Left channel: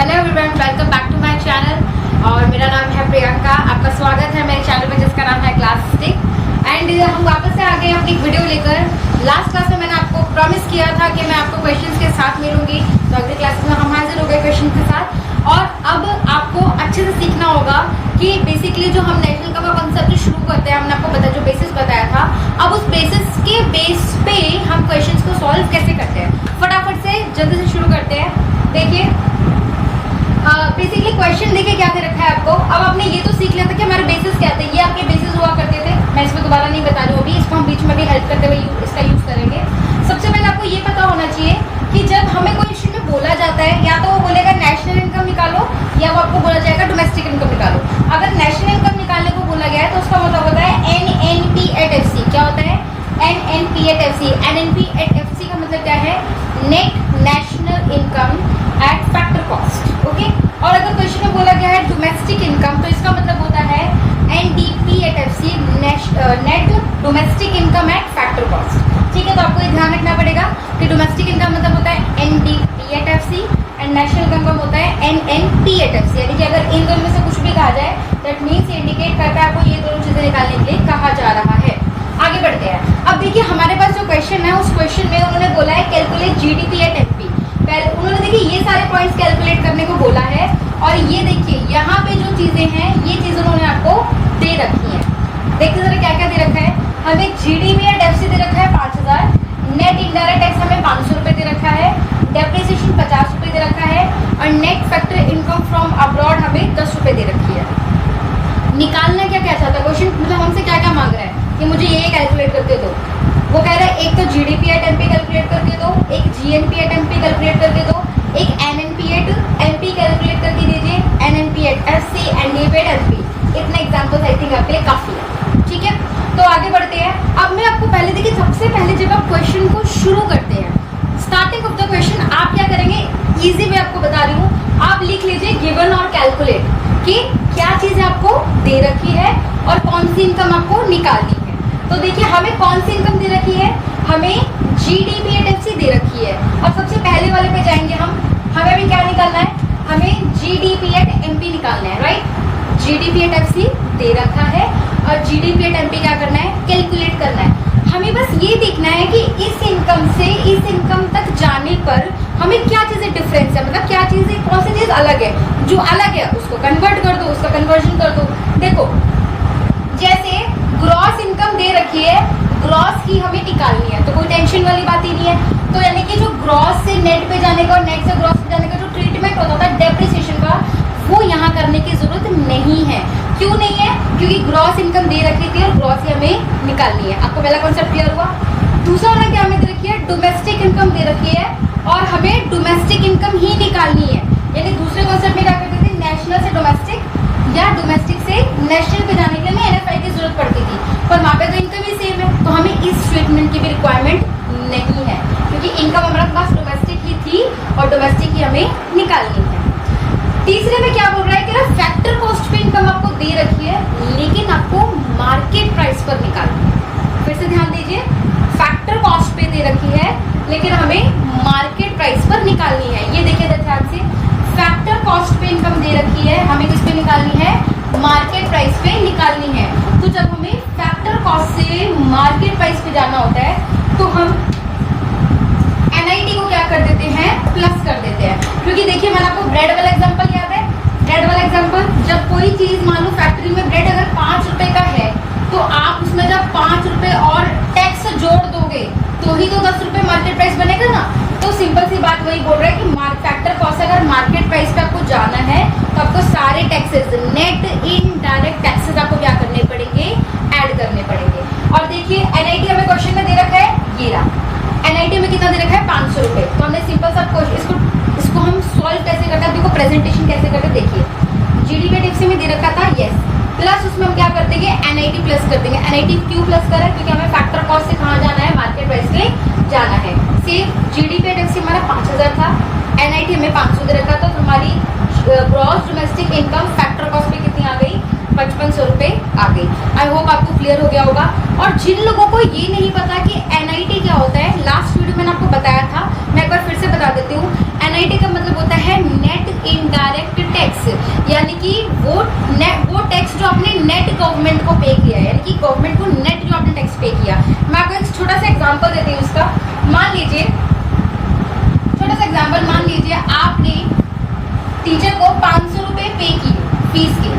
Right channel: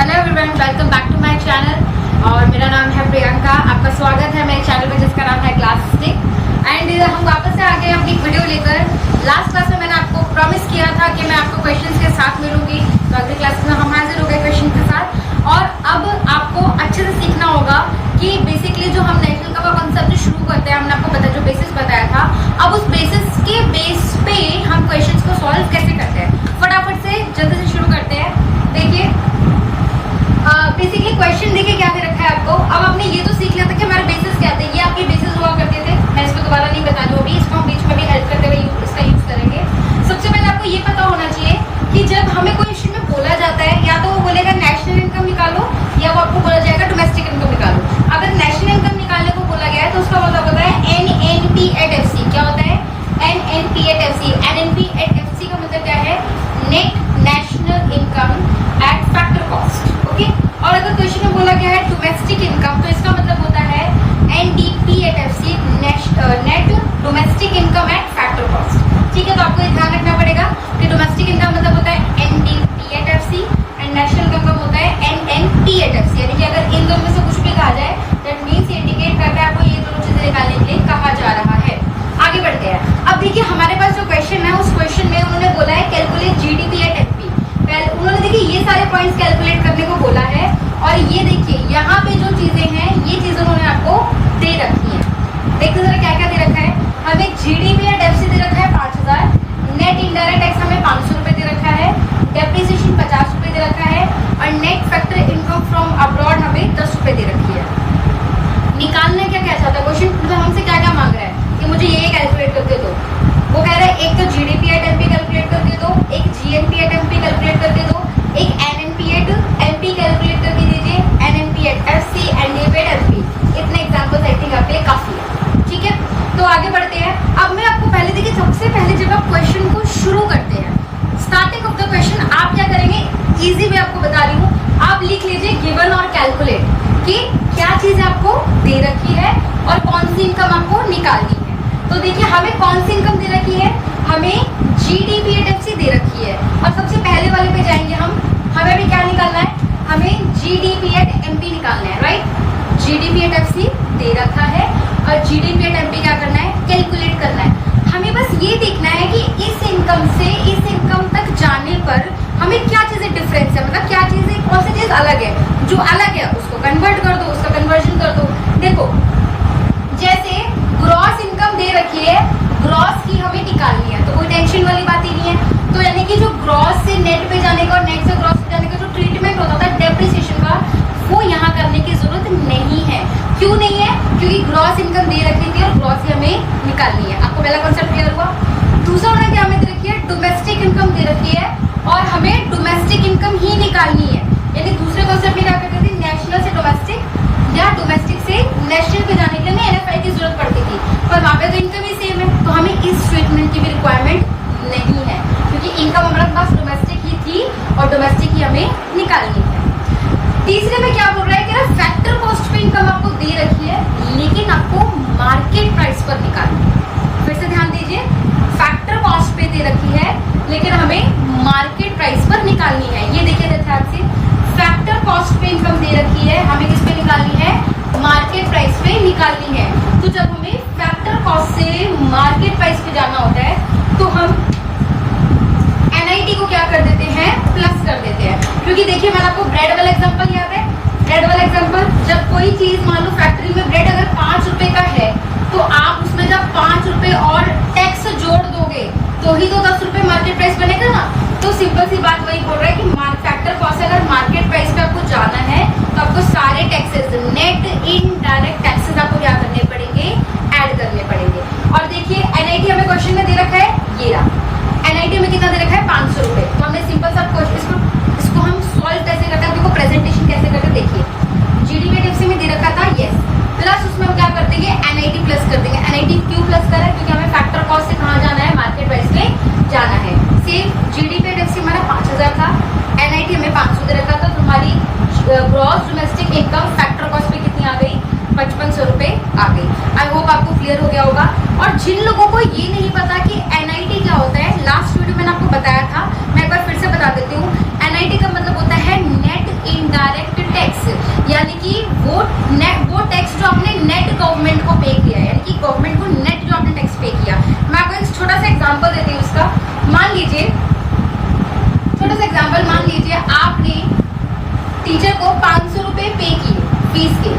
Hello everyone, welcome back to my channel और मेरा नाम है प्रियंका। आपका स्वागत है मेरे चैनल में जिसका नाम है क्लास स्टिक। एंड हम वापस से आ गए अपनी वीडियो लेकर। लास्ट क्लास में मैंने आपको प्रॉमिस किया था कि मैं आपको क्वेश्चंस के साथ मिलूंगी, तो अगली क्लास में हम हाजिर हो गए क्वेश्चन के साथ। और अब आपको अच्छे से सीखना होगा कि बेसिकली जो हम नेशनल का कॉन्सेप्ट शुरू करते हैं, हमने आपको जो बेसिस बताया था, अब उस बेसिस के बेस पे हम क्वेश्चंस को सॉल्व कैसे करते हैं। फटाफट से जल्दी से शुरू करते हैं। देखिए बेसिकली क्वेश्चन देखिए क्या दे रखा है आपको। अब आपने ये तो सीख लिया था कि हमारे बेसिस क्या थे, ये आपके बेसिस हुआ करते थे। मैं इसमें दोबारा नहीं बता रही हूँ, अभी इसको हम बीच में भी हेल्प करते हुए इसका यूज करेंगे। सबसे पहले आपको ये पता होना चाहिए कि जब हमें कोई इश्यू में बोला जाता है, या तो वो बोलेगा नेशनल इनकम निकालो, या वो आपको बोला जाएगा डोमेस्टिक इनकम निकालो। अगर नेशनल इनकम निकालने को बोला गया है तो उसका मतलब होता है NNP@FC। क्या होता है? NNP@FC। NNP@FC का मतलब क्या है? Net national income eight factor cost. Okay. और अगर क्वेश्चन में बोला गया है डोमेस्टिक इनकम, तो इसका मतलब होता है NDP@FC, net domestic income eight factor cost. ठीक है, तो आपको ध्यान रखना पड़ेगा कि डोमेस्टिक इनकम मतलब होता है NDP@FC एंड नेशनल इनकम होता है NNP@FC। यानी कि अगर इन दोनों में से कुछ भी कहा जाए, दैट मीन्स इंडिकेट करता है आपको ये दोनों चीजें निकालने के लिए कहा जा रहा है। आगे बढ़ते हैं। अब देखिए हमारे पास जो क्वेश्चन है, उस क्वेश्चन में उन्होंने बोला है कैलकुलेट GDP@MP। उन्होंने देखिए ये सारे पॉइंट्स कैलकुलेट करने को बोला है। और ये देखिए यहाँ पे जो चीजें हैं, ये चीजें उन्होंने आपको दे रखी है। देखिए जरा क्या क्या दे रखा है। हमें GDP@FC दे रखा है 5000, नेट इनडायरेक्ट टैक्स हमें 500 रुपए दे रखा है, डेप्रिसिएशन 50 रुपए दे रखा है, और net factor income from abroad हमें 10 रुपए दे रखी है। निकालना क्या क्या चाहता है क्वेश्चन, मतलब हमसे क्या क्या मांग रहा है कि मुझे ये कैलकुलेट करके दो। वो कह रहा है एक तो GDP@MP कैलकुलेट करके दो, एक GNP@MP कैलकुलेट करके दो, एक NNP@LP कैलकुलेट करके दीजिए, NNP@FC, NDP@MP। इतने एग्जाम्पल्स आई थिंक आपके काफी है। ठीक है, तो आगे बढ़ते हैं। अब मैं आपको पहले देखिए, सबसे पहले जब आप क्वेश्चन को शुरू करते हैं, स्टार्टिंग ऑफ द क्वेश्चन आप क्या करेंगे, इजी मैं आपको बता रही हूँ। आप लिख लीजिए गिवन और कैलकुलेट कि क्या चीज आपको दे रखी है और कौन सी इनकम आपको निकालनी है। तो देखिए हमें कौन सी इनकम दे रखी है, हमें GDP@FC दे रखी है। और सबसे पहले वाले पे जाएंगे हम। हमें भी क्या निकालना है, हमें GDP@MP निकालना है, राइट। GDP@FC दे रखा है और GDP@MP क्या करना है, कैलकुलेट करना है। हमें बस ये देखना है कि इस इनकम से इस इनकम तक जाने पर हमें क्या चीजें डिफरेंस है, मतलब क्या चीजें, कौन सी चीज अलग है। जो अलग है उसको कन्वर्ट कर दो, उसका कन्वर्जन कर दो। देखो जैसे ग्रॉस इनकम दे रखी है, ग्रॉस की हमें निकालनी है, तो कोई टेंशन वाली बात ही नहीं है। तो यानी कि जो ग्रॉस से नेट पे जाने का और नेट से ग्रॉस पे जाने का जो ट्रीटमेंट होता था डेप्रिसिएशन का, वो यहाँ करने की जरूरत नहीं है। क्यों नहीं है? क्योंकि ग्रॉस इनकम दे रखी थी और ग्रॉस से हमें निकालनी है। आपको पहला कॉन्सेप्ट क्लियर हुआ। दूसरा उन्होंने क्या हमें दे रखी है, डोमेस्टिक इनकम दे रखी है और हमें डोमेस्टिक इनकम ही निकालनी है। यानी दूसरे कॉन्सेप्ट में क्या करते थे, नेशनल से डोमेस्टिक या डोमेस्टिक से नेशनल पे जाने के लिए NFI की जरूरत पड़ती थी, पर वहां पे तो इनकम ही सेम है, तो हमें इस स्टेटमेंट की भी रिक्वायरमेंट नहीं है, क्योंकि इनकम हमारे पास डोमेस्टिक ही थी और डोमेस्टिक ही हमें निकालनी है। तीसरे में क्या बोल रहा है कि ना फैक्टर कॉस्ट पे इनकम आपको दे रखी है, लेकिन आपको मार्केट प्राइस पर निकालनी है। फिर से ध्यान दीजिए, फैक्टर कॉस्ट पे दे रखी है लेकिन हमें मार्केट प्राइस पर निकालनी है। ये देखिए ध्यान से, फैक्टर कॉस्ट पे इनकम दे रखी है, हमें किस पे निकालनी है, मार्केट प्राइस पे निकालनी है। तो जब हमें फैक्टर कॉस्ट से मार्केट प्राइस पे जाना होता है, तो हम NIT को क्या कर देते हैं, प्लस कर देते हैं। क्योंकि देखिए मैंने आपको ब्रेड वाला एग्जांपल याद है, ब्रेड वाला एग्जांपल, जब कोई चीज मान लो फैक्ट्री में ब्रेड अगर 5 रुपए का है, तो आप उसमें जब 5 रुपए और टैक्स जोड़ दोगे तो ही तो 10 रुपए मार्केट प्राइस बनेगा ना। तो सिंपल सी बात वही बोल रहा है कि फैक्टर कॉस्ट अगर मार्केट प्राइस पे आपको जाना है, तो आपको सारे टैक्सेस, नेट इनडायरेक्ट टैक्सेस आपको क्या करने पड़ेंगे, ऐड करने पड़ेंगे। और देखिए NIT हमें क्वेश्चन में दे रखा है, ये NIT में कितना दे रखा है, 500 रुपए। तो हमने सिंपल सा इसको हम सॉल्व कैसे करते हैं, देखो प्रेजेंटेशन कैसे करते, देखिए GDP@FC में दे रखा था, यस, प्लस उसमें हम क्या कर देंगे, NIT प्लस कर देंगे। NIT क्यों प्लस करा, क्योंकि हमें फैक्टर कॉस्ट से कहाँ जाना है, मार्केट प्राइस पे जाना है। सेम GDP@FC हमारा 5000 था, NIT हमें 500 दे रखा था, तो हमारी gross domestic income factor cost पे कितनी आ गई, 5500 रुपए आ गई। आई होप आपको क्लियर हो गया होगा। और जिन लोगों को ये नहीं पता कि एनआईटी क्या होता है, लास्ट वीडियो मैंने आपको बताया था, मैं एक बार फिर से बता देती हूँ। एनआईटी का मतलब होता है नेट इनडायरेक्ट टैक्स, यानी कि वो टैक्स जो आपने नेट गवर्नमेंट को पे किया है, यानी कि गवर्नमेंट को नेट जो आपने टैक्स पे किया। मैं आपको एक छोटा सा एग्जाम्पल देती हूँ इसका। मान लीजिए, छोटा सा एग्जाम्पल, मान लीजिए आपने टीचर को 500 रुपए पे किए फीस के।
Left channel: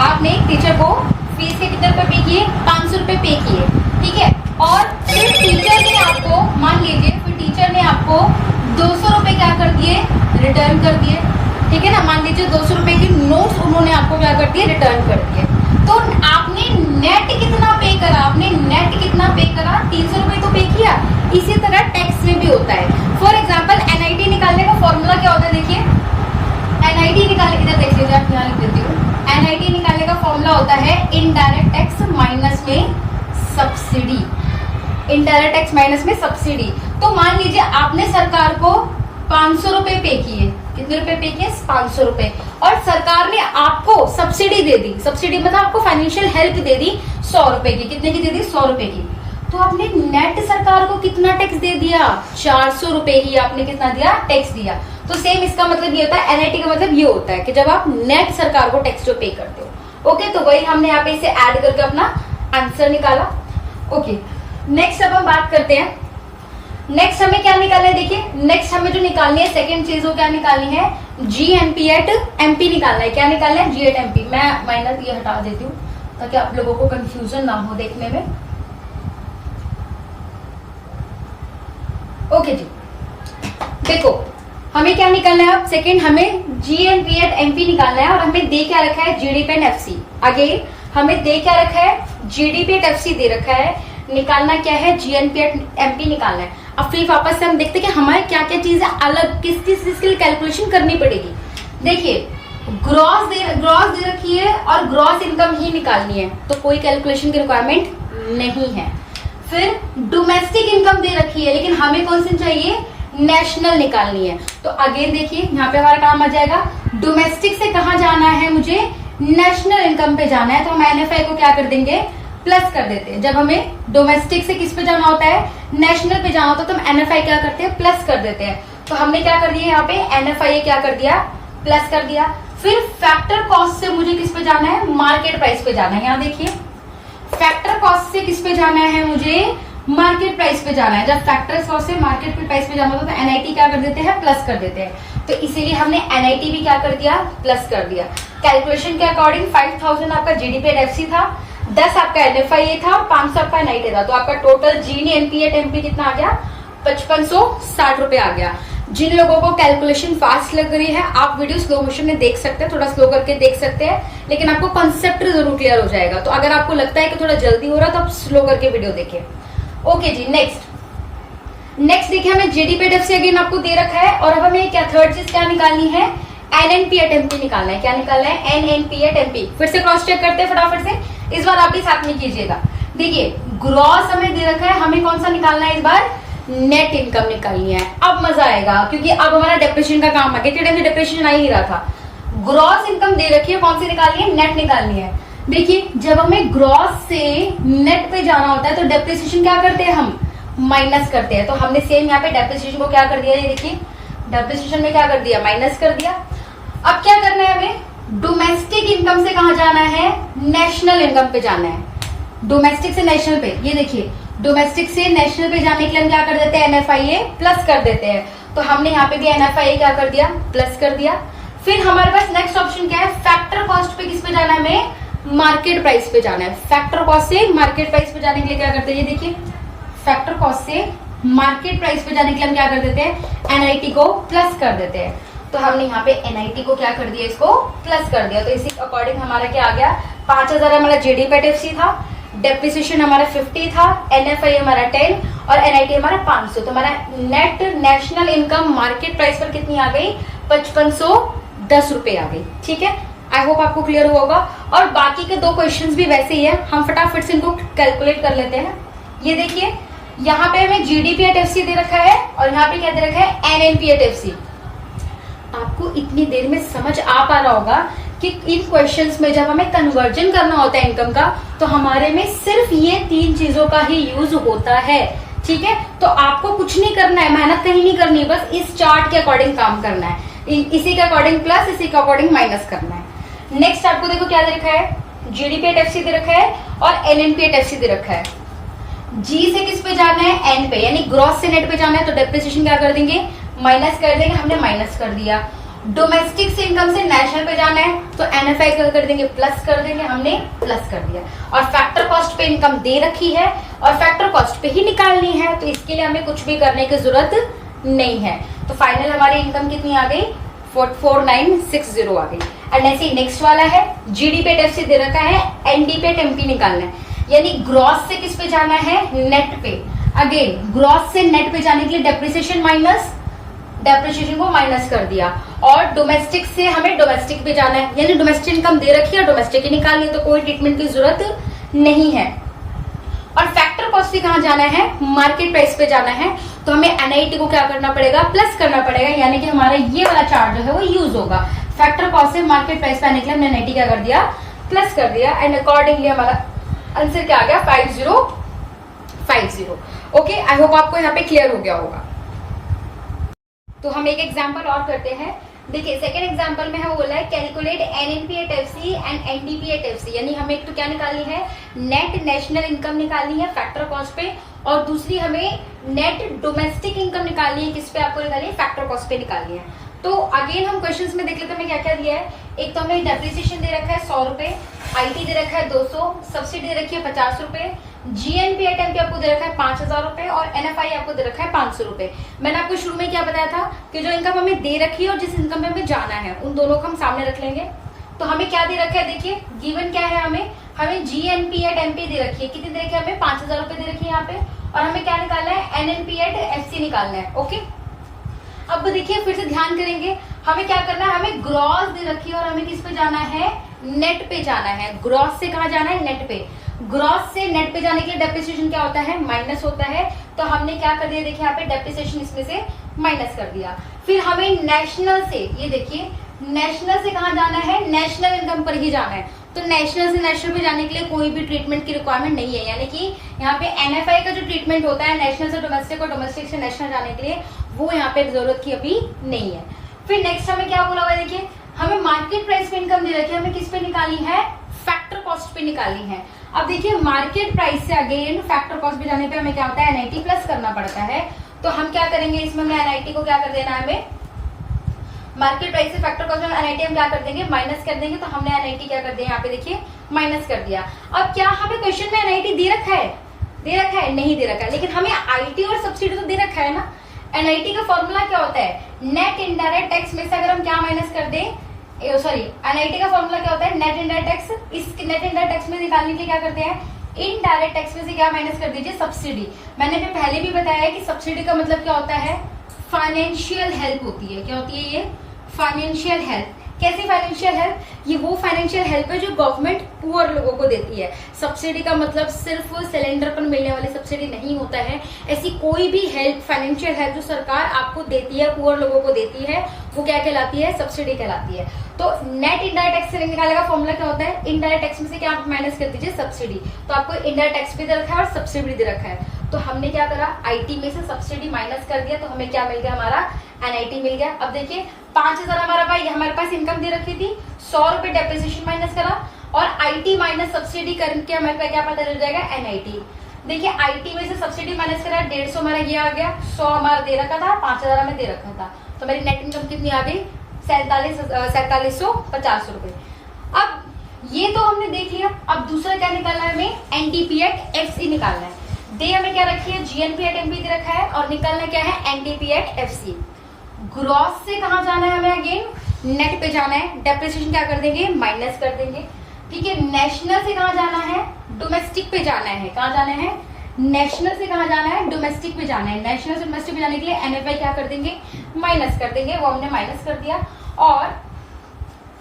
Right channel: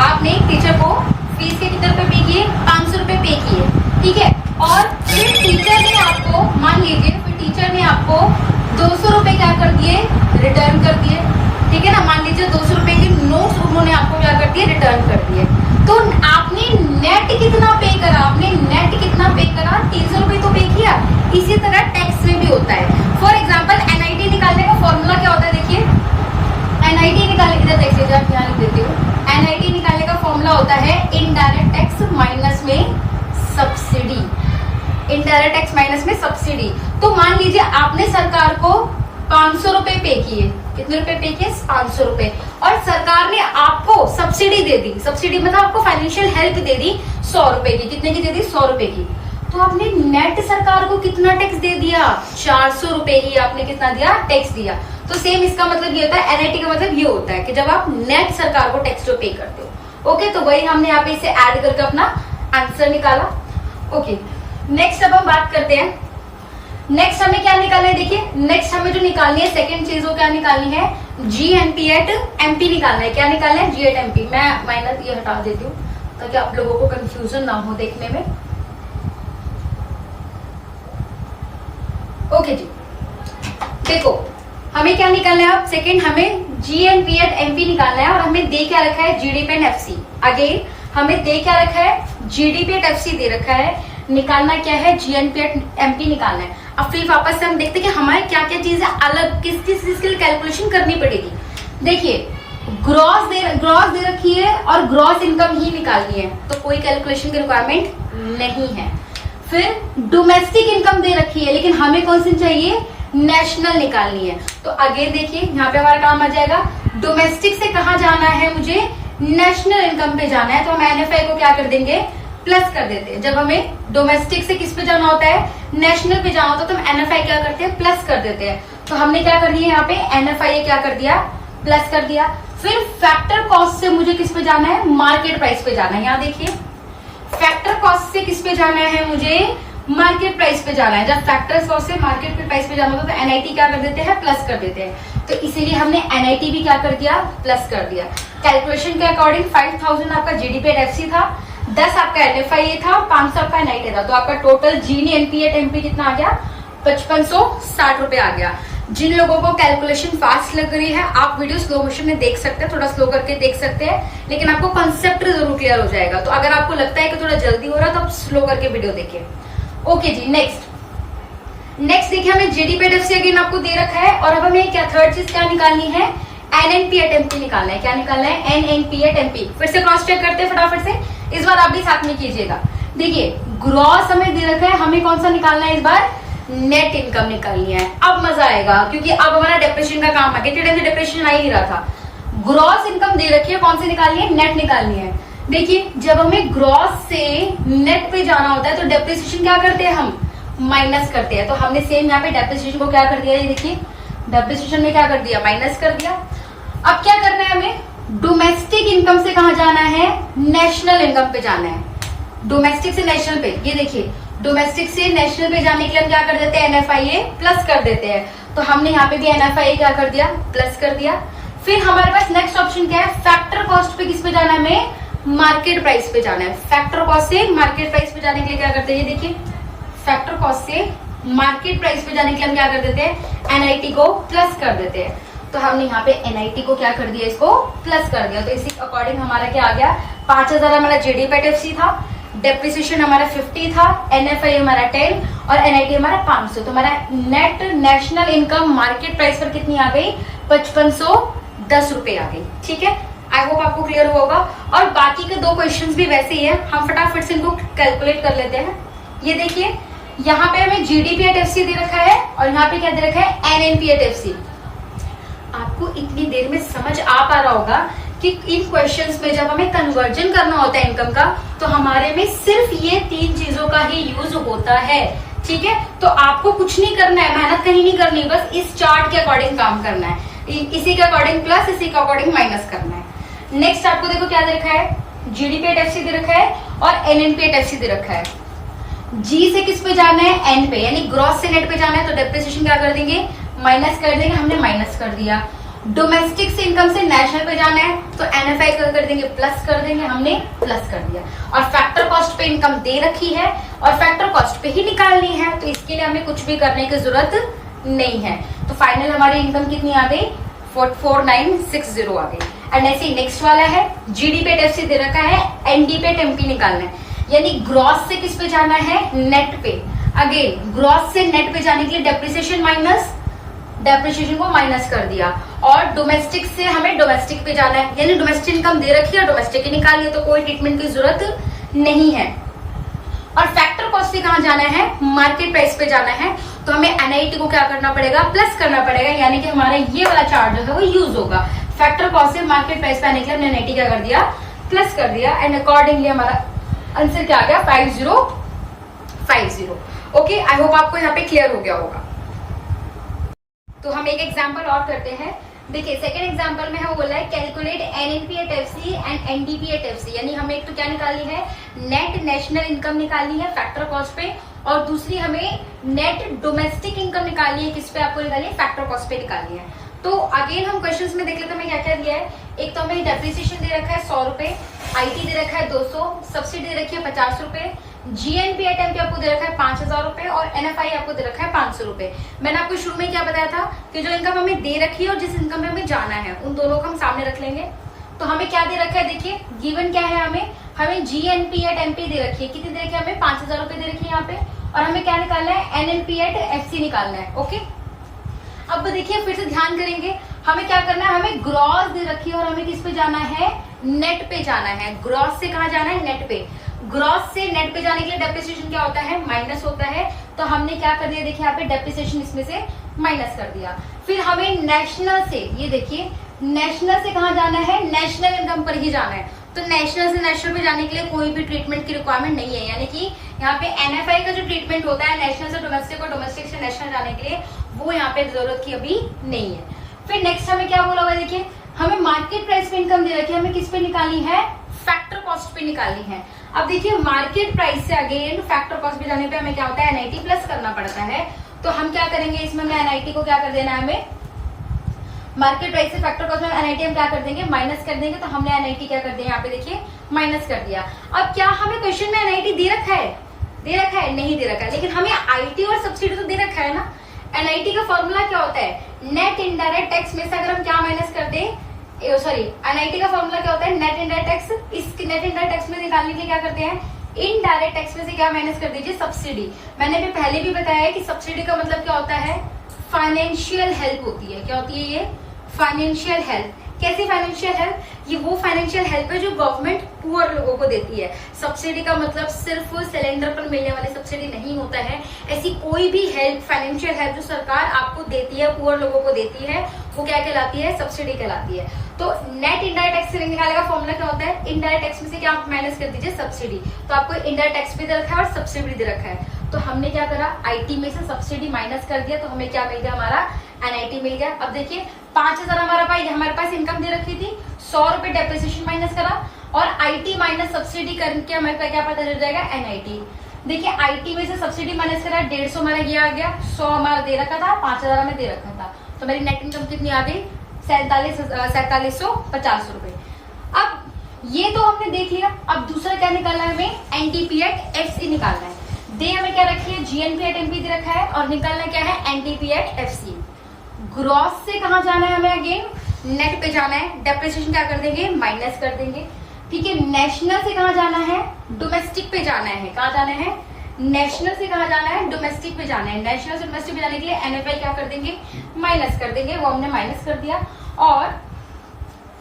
आपने टीचर को फीस के कितने रुपए पे किए? 500 रुपए पे किए, ठीक है। और फिर टीचर ने आपको, मान लीजिए फिर टीचर ने आपको 200 रुपए क्या कर दिए? रिटर्न कर दिए, ठीक है ना। मान लीजिए 200 रुपए की नोट्स उन्होंने आपको क्या कर दिए? रिटर्न कर दिए। तो आपने नेट कितना पे करा? आपने नेट कितना पे करा? 300 रुपए तो पे किया। इसी तरह टैक्स में भी होता है। फॉर एग्जाम्पल एनआईटी निकालने का फॉर्मूला क्या होता है? देखिए, एनआईटी निकालने के लिए देखिएगा, ध्यान देती हूँ। एनआईटी निकालने का फॉर्मूला होता है इनडायरेक्ट टैक्स माइनस में सब्सिडी। इनडायरेक्ट टैक्स माइनस में सब्सिडी। तो मान लीजिए आपने सरकार को 500 रुपए पे किए। कितने रुपए पे किए? 500 रुपए। और सरकार ने आपको सब्सिडी दे दी। सब्सिडी मतलब आपको फाइनेंशियल हेल्प दे दी 100 रुपए की। कितने की दे दी? 100 रुपए की। तो आपने नेट सरकार को कितना टैक्स दे दिया? 400 रुपए की आपने कितना दिया? टैक्स दिया। तो सेम इसका मतलब ये होता है, एनआईटी का मतलब ये होता है कि जब आप नेट सरकार को टैक्स जो पे करते हो। ओके, तो वही हमने यहाँ पे इसे ऐड करके अपना आंसर निकाला। ओके, नेक्स्ट अब हम बात करते हैं। नेक्स्ट हमें क्या निकालना है? देखिए, नेक्स्ट हमें जो निकालनी है सेकंड चीज, वो क्या निकालनी है? जीएनपी एट एमपी निकालना है। क्या निकालना है? जी एट एमपी। मैं माइनस ये हटा देती हूँ ताकि आप लोगों को कंफ्यूजन ना हो देखने में। ओके जी, देखो हमें क्या निकालना है अब? सेकंड हमें जीएनपी एट एमपी निकालना है। और हमें दे क्या रखा है? GDP and FC. अगेन हमें दे क्या रखा है? जीडीपी एंड एफसी दे रखा है। निकालना क्या है? जीएनपी एट एमपी निकालना है। अब फिर वापस से हम देखते हैं कि हमारे क्या क्या चीजें अलग किस किस चीज की कैलकुलेशन करनी पड़ेगी। देखिए, ग्रॉस दे रखी है और ग्रॉस इनकम ही निकालनी है, तो कोई कैलकुलेशन की रिक्वायरमेंट नहीं है। फिर डोमेस्टिक इनकम दे रखी है, लेकिन हमें कौन सी चाहिए? नेशनल निकालनी है। तो अगेन देखिए, यहाँ पे हमारा काम आ जाएगा, डोमेस्टिक से कहाँ जाना है? मुझे नेशनल इनकम पे जाना है। तो हम एनएफआई को क्या कर देंगे? प्लस कर देते हैं। जब हमें डोमेस्टिक से किस पे जाना होता है? नेशनल पे जाना होता है, तो हम एनएफआई क्या करते हैं? प्लस कर देते हैं। तो हमने क्या कर दिया? यहाँ पे एनएफआई क्या कर दिया? प्लस कर दिया। फिर फैक्टर कॉस्ट से मुझे किस पे जाना है? मार्केट प्राइस पे जाना है। यहाँ देखिए, फैक्टर कॉस्ट से किस पे जाना है? मुझे मार्केट प्राइस पे जाना है। जब फैक्टर कॉस्ट से मार्केट प्राइस पे जाना होता है तो एनआईटी क्या कर देते हैं? प्लस कर देते हैं। तो इसीलिए हमने एनआईटी भी क्या कर दिया? प्लस कर दिया। कैलकुलेशन के अकॉर्डिंग 5000 आपका जीडीपी एट एफसी था, 10 आपका एनएफआई था, 500 आपका एनआईटी था। तो आपका टोटल जीएनपी एट एमपी कितना आ गया? 5560 रुपए आ गया। जिन लोगों को कैलकुलेशन फास्ट लग रही है, आप वीडियो स्लो मोशन में देख सकते हैं, थोड़ा स्लो करके देख सकते हैं, लेकिन आपको कॉन्सेप्ट जरूर क्लियर हो जाएगा। तो अगर आपको लगता है कि थोड़ा जल्दी हो रहा है तो आप स्लो करके वीडियो देखें। ओके जी, नेक्स्ट देखिए, हमें जीडीपी एट एफसी अगेन आपको दे रखा है। और अब हमें क्या थर्ड चीज क्या निकालनी है? एनएनपी एट एमपी निकालना है। क्या निकालना है? NNP at MP. फिर से क्रॉस चेक करते हैं फटाफट से। इस बार आप भी साथ में कीजिएगा। देखिए, ग्रॉस हमें दे रखा है, हमें कौन सा निकालना है? इस बार नेट इनकम निकालनी है। अब मजा आएगा, क्योंकि अब हमारा डेप्रेशन का काम आ गया। कितने डेप्रेशन आ ही नहीं रहा था। ग्रॉस इनकम दे रखी है, कौन सी निकालनी है? नेट निकालनी है। देखिए, जब हमें ग्रॉस से नेट पे जाना होता है तो डेप्रिसिएशन क्या करते हैं? हम माइनस करते हैं। तो हमने सेम यहाँ पे डेप्रिसिएशन को क्या कर दिया? ये देखिए, डेप्रिसिएशन में क्या कर दिया? माइनस कर दिया। अब क्या करना है हमें? डोमेस्टिक इनकम से कहाँ जाना है? नेशनल इनकम पे जाना है। डोमेस्टिक से नेशनल पे, ये देखिए, डोमेस्टिक से नेशनल पे जाने के लिए हम क्या कर देते हैं? एनएफआईए प्लस कर देते हैं। तो हमने यहाँ पे भी एनएफआईए क्या कर दिया? प्लस कर दिया। फिर हमारे पास नेक्स्ट ऑप्शन क्या है? फैक्टर कॉस्ट पे किस पे जाना है? हमें मार्केट प्राइस पे जाना है। फैक्टर कॉस्ट से मार्केट प्राइस पे जाने के लिए क्या करते हैं? ये देखिए, फैक्टर कॉस्ट से मार्केट प्राइस पे जाने के लिए हम क्या कर देते हैं? एनआईटी को प्लस कर देते हैं। तो हमने यहाँ पे एनआईटी को क्या कर दिया? इसको प्लस कर दिया। तो इसी अकॉर्डिंग हमारा क्या आ गया? 5000 हमारा जीडीपी एट एफसी था, डेप्रिसिएशन हमारा 50 था, एनएफआई हमारा 10 और एनआईटी हमारा 500। तो हमारा net national income market price पर कितनी आ गई? 5510 रुपए आ गई। ठीक है, आई होप आपको क्लियर होगा। और बाकी के 2 क्वेश्चंस भी वैसे ही है, हम फटाफट से इनको कैलकुलेट कर लेते हैं। ये देखिए, यहाँ पे हमें जीडीपी एट एफसी दे रखा है और यहाँ पे क्या दे रखा है? NNP at FC. आपको इतनी देर में समझ आ पा रहा होगा कि इन क्वेश्चंस में जब हमें कन्वर्जन करना होता है इनकम का, तो हमारे में सिर्फ ये 3 चीजों का ही यूज होता है। ठीक है, तो आपको कुछ नहीं करना है, मेहनत कहीं नहीं करनी, बस इस चार्ट के अकॉर्डिंग काम करना है, इसी के अकॉर्डिंग प्लस, इसी के अकॉर्डिंग माइनस करना है। नेक्स्ट आपको देखो क्या दे रखा है, जीडीपी एट एफसी दे रखा है और एनएनपी एट एफसी दे रखा है। जी से किस पे जाना है, एन पे, यानी ग्रॉस से नेट पे जाना है, तो डेप्रिसिएशन क्या कर देंगे, माइनस कर देंगे, हमने माइनस कर दिया। डोमेस्टिक से इनकम से नेशनल पे जाना है, तो एनएफआई का कर देंगे, प्लस कर देंगे, हमने प्लस कर दिया। और फैक्टर कॉस्ट पे इनकम दे रखी है और फैक्टर कॉस्ट पे ही निकालनी है, तो इसके लिए हमें कुछ भी करने की जरूरत नहीं है। तो फाइनल हमारी इनकम कितनी आ गई, 4960 आ गई। एंड ऐसे नेक्स्ट वाला है, जीडीपी एट एफसी दे रखा है, एनडीपी एट एमपी निकालना है, यानी ग्रॉस से किस पे जाना है, नेट पे। अगेन ग्रॉस से नेट पे जाने के लिए डेप्रिसिएशन माइनस, डेप्रिसिएशन को माइनस कर दिया। और डोमेस्टिक से हमें डोमेस्टिक पे जाना है, यानी डोमेस्टिक इनकम दे रखी है, डोमेस्टिक ही निकालिए, तो कोई ट्रीटमेंट की जरूरत नहीं है। और फैक्टर कॉस्ट से कहां जाना है, मार्केट प्राइस पे जाना है, तो हमें एनआईटी को क्या करना पड़ेगा, प्लस करना पड़ेगा, यानी कि हमारा ये वाला चार्ट जो है वो यूज होगा। फैक्टर कॉस्ट से मार्केट प्राइस पे आने के लिए हमने एनआईटी क्या कर दिया, प्लस कर दिया। एंड अकॉर्डिंगली हमारा आंसर क्या आ गया, 5050। ओके, आई होप आपको यहाँ पे क्लियर हो गया होगा। तो हम एक एग्जांपल और करते हैं। देखिए सेकंड एग्जांपल में हमें बोला है calculate NNP at FC and NDP at FC, यानी हमें एक तो क्या निकालनी है, नेट नेशनल इनकम निकालनी है फैक्टर कॉस्ट पे, और दूसरी हमें नेट डोमेस्टिक इनकम निकालनी है, किस पे आपको निकालनी है, फैक्टर कॉस्ट पे निकालनी है। तो अगेन हम क्वेश्चंस में देख लेते हैं हमें क्या क्या दिया है। एक तो हमें डेप्रिसिएशन दे रखा है 100 रुपए, आईटी दे रखा है 200, सब्सिडी दे रखी है 50 रुपए, जीएनपी एट एमपी आपको दे रखा है 5000 रुपए और एनएफआई आपको दे रखा है 500 रुपए। मैंने आपको शुरू में क्या बताया था कि जो इनकम हमें दे रखी है और जिस इनकम में हमें जाना है उन दोनों को हम सामने रख लेंगे। तो हमें क्या दे रखा है, देखिए गिवन क्या है, हमें जीएनपी एट एमपी दे रखी है, कितनी दे रखी है, हमें 5000 रुपए दे रखी है यहाँ पे, और हमें क्या निकालना है, एनएनपी एट एफसी निकालना है। ओके, अब देखिए फिर से ध्यान करेंगे, हमें क्या करना है, हमें ग्रॉस दे रखी है और हमें किस पे जाना है, नेट पे जाना है। ग्रॉस से कहा जाना है, नेट पे। ग्रॉस से नेट पे जाने के लिए डेप्रिसिएशन क्या होता है, माइनस होता है, तो हमने क्या कर दिया, देखिए यहाँ पे डेप्रिसिएशन इसमें से माइनस कर दिया। फिर हमें नेशनल से, ये देखिए नेशनल से कहा जाना है, नेशनल इनकम पर ही जाना है, तो नेशनल से नेशनल पे जाने के लिए कोई भी ट्रीटमेंट की रिक्वायरमेंट नहीं है, यानी कि यहाँ पे एनएफआई का जो ट्रीटमेंट होता है नेशनल से डोमेस्टिक और डोमेस्टिक से नेशनल जाने के लिए, वो यहाँ पे जरूरत की अभी नहीं है। फिर नेक्स्ट हमें क्या बोला हुआ है, देखिए हमें मार्केट प्राइस पे इनकम दे रखी है, हमें किस पे निकाली है, फैक्टर कॉस्ट पे निकाली है। अब देखिए मार्केट प्राइस से अगेन फैक्टर कॉस्ट पे जाने पे हमें क्या होता है, एनआईटी प्लस करना पड़ता है। तो हम क्या करेंगे, इसमें हमें एनआईटी को क्या कर देना है, हमें मार्केट प्राइस से फैक्टर कॉस्ट में एनआईटी हम क्या कर देंगे, माइनस कर देंगे। तो हमने एनआईटी क्या कर दिया, यहाँ पे देखिए माइनस कर दिया। अब क्या हमें क्वेश्चन में एनआईटी दे रखा है, दे रखा है, नहीं दे रखा है, लेकिन हमें आईटी और सब्सिडी तो दे रखा है ना। एनआईटी का फॉर्मूला क्या होता है, नेट इनडायरेक्ट टैक्स में से अगर हम क्या माइनस कर दें, सॉरी एनआईटी का फॉर्मूला क्या होता है, नेट इनडायरेक्ट टैक्स। इस नेट इनडायरेक्ट टैक्स में निकालने के लिए क्या करते हैं, इनडायरेक्ट टैक्स में से क्या माइनस कर दीजिए, सब्सिडी। मैंने भी पहले भी बताया है कि सब्सिडी का मतलब क्या होता है, फाइनेंशियल हेल्प होती है। क्या होती है ये, फाइनेंशियल हेल्प। कैसी फाइनेंशियल हेल्प, ये वो फाइनेंशियल हेल्प है जो गवर्नमेंट पुअर लोगों को देती है। सब्सिडी का मतलब सिर्फ सिलेंडर पर मिलने वाली सब्सिडी नहीं होता है, ऐसी कोई भी हेल्प, फाइनेंशियल हेल्प जो सरकार आपको देती है, पुअर लोगों को देती है, वो क्या कहलाती है, सब्सिडी कहलाती है। तो नेट इनडायरेक्ट टैक्स से निकालने का फॉर्मूला क्या होता है, इनडायरेक्ट टैक्स में से क्या आप माइनस कर दीजिए, सब्सिडी। तो आपको इनडायरेक्ट टैक्स भी दे रखा है और सब्सिडी दे रखा है। तो हमने क्या करा, आईटी में से सब्सिडी माइनस कर दिया, तो हमें क्या मिल गया, हमारा एनआईटी मिल गया। अब देखिए 5000 हमारे पास इनकम दे रखी थी, 100 रुपए डेप्रिसिएशन माइनस करा और आईटी माइनस सब्सिडी करके हमारे पास क्या पता चल जाएगा, एनआईटी। देखिए आईटी में से सब्सिडी माइनस करा, 150 हमारा ये आ गया, 100 हमारा दे रखा था, 5000 हमें दे रखा था, तो मेरी नेट इनकम कितनी आ गई, 4750 रुपए। अब ये तो हमने देख लिया। अब दूसरा क्या निकालना है, हमें एनडीपी एट एफसी निकालना है। दे हमें क्या रखी है, जीएनपी एट एमपी दे रखा है और निकालना क्या है, एनडीपी एट एफसी। ग्रॉस से कहा जाना है, हमें अगेन नेट पे जाना है, डेप्रिसिएशन क्या कर देंगे, माइनस कर देंगे। ठीक है, नेशनल से कहा जाना है, डोमेस्टिक पे जाना है। कहा जाना है, नेशनल से कहा जाना है, डोमेस्टिक पे जाना है। नेशनल से डोमेस्टिक पे जाने के लिए एनएफआई क्या कर देंगे, माइनस कर देंगे, वो हमने माइनस कर दिया। और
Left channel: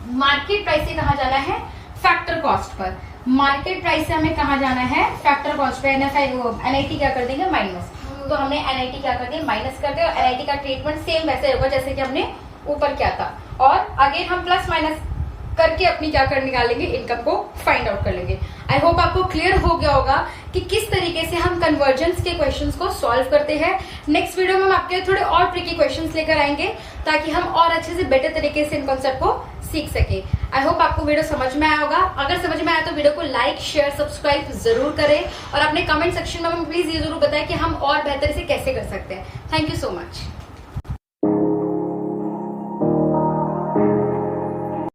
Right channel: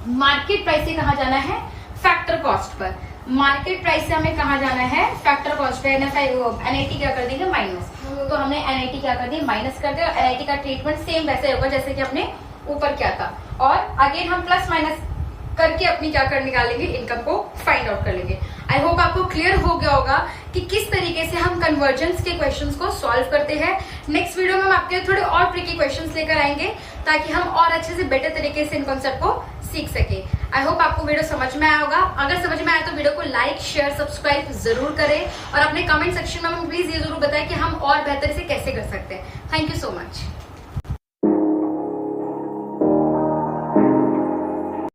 मार्केट प्राइस से कहा जाना है, factor cost per. Market price से हमें कहा जाना है, फैक्टर कॉस्ट पे। एनआईटी क्या कर देंगे, माइनस। तो हमने एनआईटी क्या कर दिया, माइनस कर दिया। एनआईटी का ट्रीटमेंट सेम वैसे होगा जैसे कि हमने ऊपर किया था। और अगेन हम प्लस माइनस करके अपनी क्या कर निकालेंगे, इनकम को फाइंड आउट कर लेंगे। आई होप आपको क्लियर हो गया होगा कि किस तरीके से हम कन्वर्जेंस के क्वेश्चंस को सॉल्व करते हैं। नेक्स्ट वीडियो में हम आपके थोड़े और ट्रिकी क्वेश्चंस लेकर आएंगे ताकि हम और अच्छे से बेटर तरीके से इन कॉन्सेप्ट को सीख सके। आई होप आपको वीडियो समझ में आया होगा। अगर समझ में आया तो वीडियो को लाइक, शेयर, सब्सक्राइब जरूर करें और अपने कमेंट सेक्शन में प्लीज ये जरूर बताएं कि हम और बेहतर से कैसे कर सकते हैं। Thank you so much.